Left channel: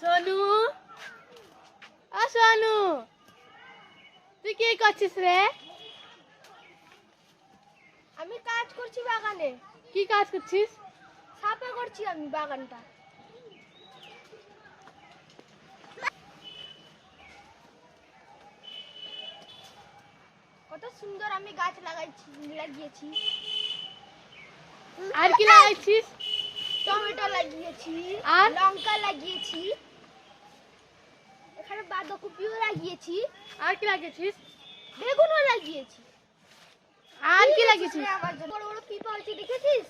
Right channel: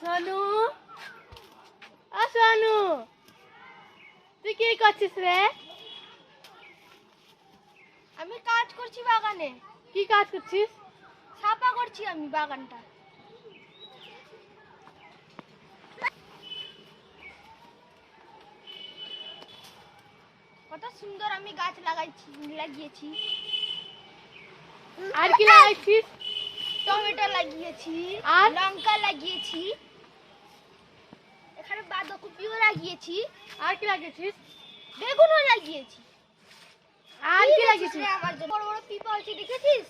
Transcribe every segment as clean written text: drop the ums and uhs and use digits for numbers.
সোনু, ও সোনু, তুই কি করছিস রে? আমি কাজ করছি বাগানে। কি কাজ করছিস? সাফা করছি আমি বাগানটা। কত সুন্দর আমি গাছ লাগিয়েছি। আর কি লাগাইছিস? টমেটো লাগিয়েছি, আর লঙ্কা লাগিয়েছি, এখানে বাঁধাকপিও লাগিয়েছি, আর কি লাগিয়েছিস? বেগুনও লাগিয়েছি। আর কি লাগিয়েছিস? আমার জন্য বড় বড় পিপা হচ্ছে, দেখেছিস?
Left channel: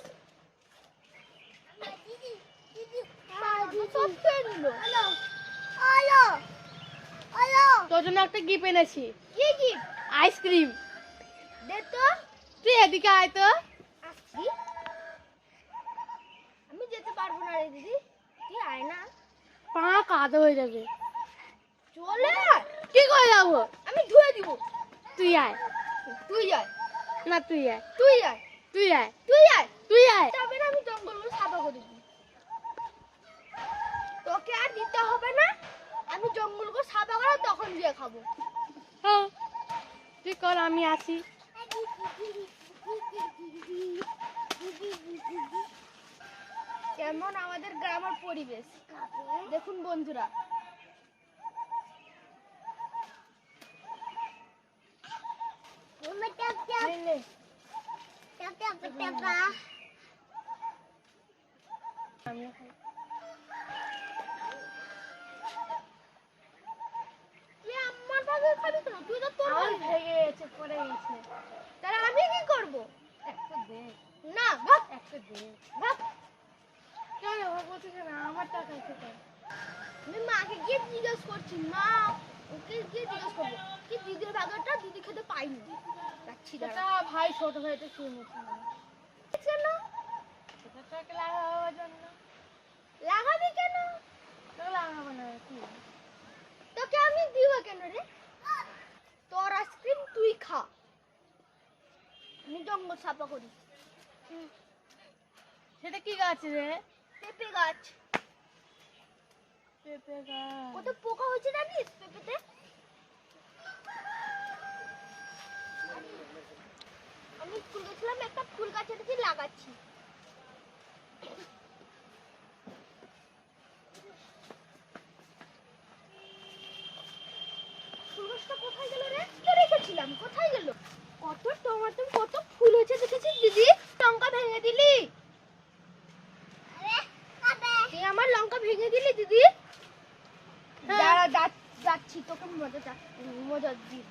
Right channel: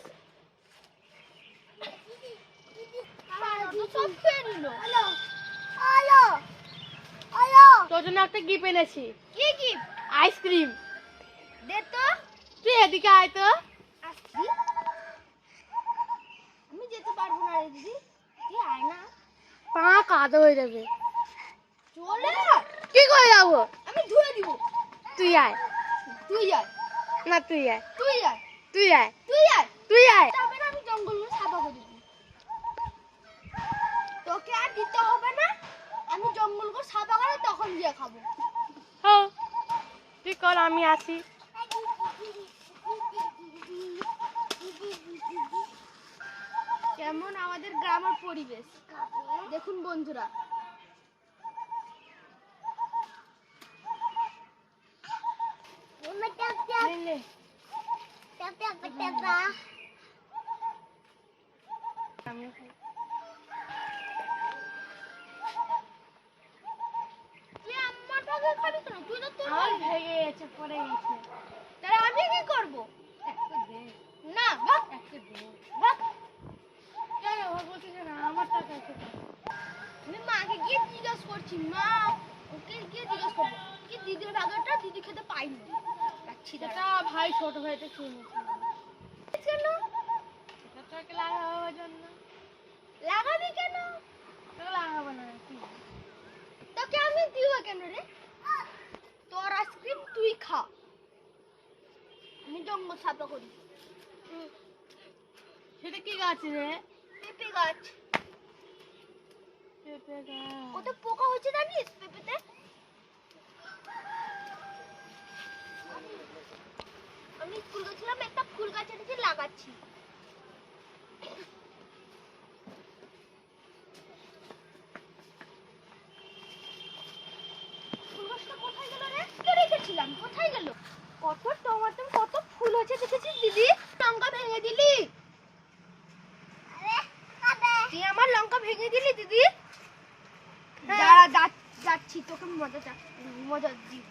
সব খেয়ে নিল। তোর জন্য একটা গিফট এনেছি। কি কি? আইসক্রিম। দে তো। তুই এদিকে আয় তো। আসছি। আমি যেতে পারবো না রে দিদি, তুই আয় না। পা কাদা হয়ে যাবে। চলে কি করে যাবো? আমি ধুয়ে দিব। তুই আয়। তুই আয়। না তুই আয়। তুই আয়। তুই আয়। তুই আয়। তুই আয়। তবে না আমি জঙ্গলগুলো সাফা করে দিই। তোকে আর দিতে হবে না, আমি জঙ্গলগুলো সাফা করে তখন দিয়ে খাবো। হ্যাঁ, তুই কর, আমি আসি। কেমন আমাদের গ্রামের পরিবেশ দেখুন বন্ধুরা। আমিও খাই। তুই আমার ভাগে খাবি কেন? তুই তো তোর আমার ভাগে। ভেঙে গেছে, পড়ে গেছে। তাহলে আমি কি করব? একটা দে, না ভাগ একটা দে। ভাগ। কেন ও বলছিস না আমার টাকা খেতে? আমি মাকে গিয়ে জিজ্ঞেস করছি, মা ওকে গিয়ে জিজ্ঞেস করবো কি দিদির ভাগটা দিদি খেতে পাইনি। রাখছি সেটা দাঁড়া। ভাই ছোট ভাইটা খেয়ে নিয়েছিল। কেন সেটা তোকে লাগাবার জন্য। লাগাবি কেন? তোকে লাগাবো না কি? তোকে আমি দিব কেন রে? তোর আইসক্রিম তুই খা, আমি জঙ্গল সাফা করি। সেটা কি গাছ রে? পেঁপে গাছ। পেঁপে গাছ। কত পোকা হচ্ছে জানিস পেঁপেতে? আমি স্কুল গেছিলাম, একটা ফুল গাছ এনেছি লাগাচ্ছি। ফুল গাছটা কোথায় গেল রে? কে রেখেছিলাম, কোথায় গেল? কত টমেটো, কত ফুল হচ্ছে দেখেছিস দিদি? লঙ্কা ভেঙে দিলি। তুই আমার লঙ্কা ভেঙে দিলি দিদি। হ্যাঁ। দাঁড়া যাচ্ছি, তোকে মজা দিই।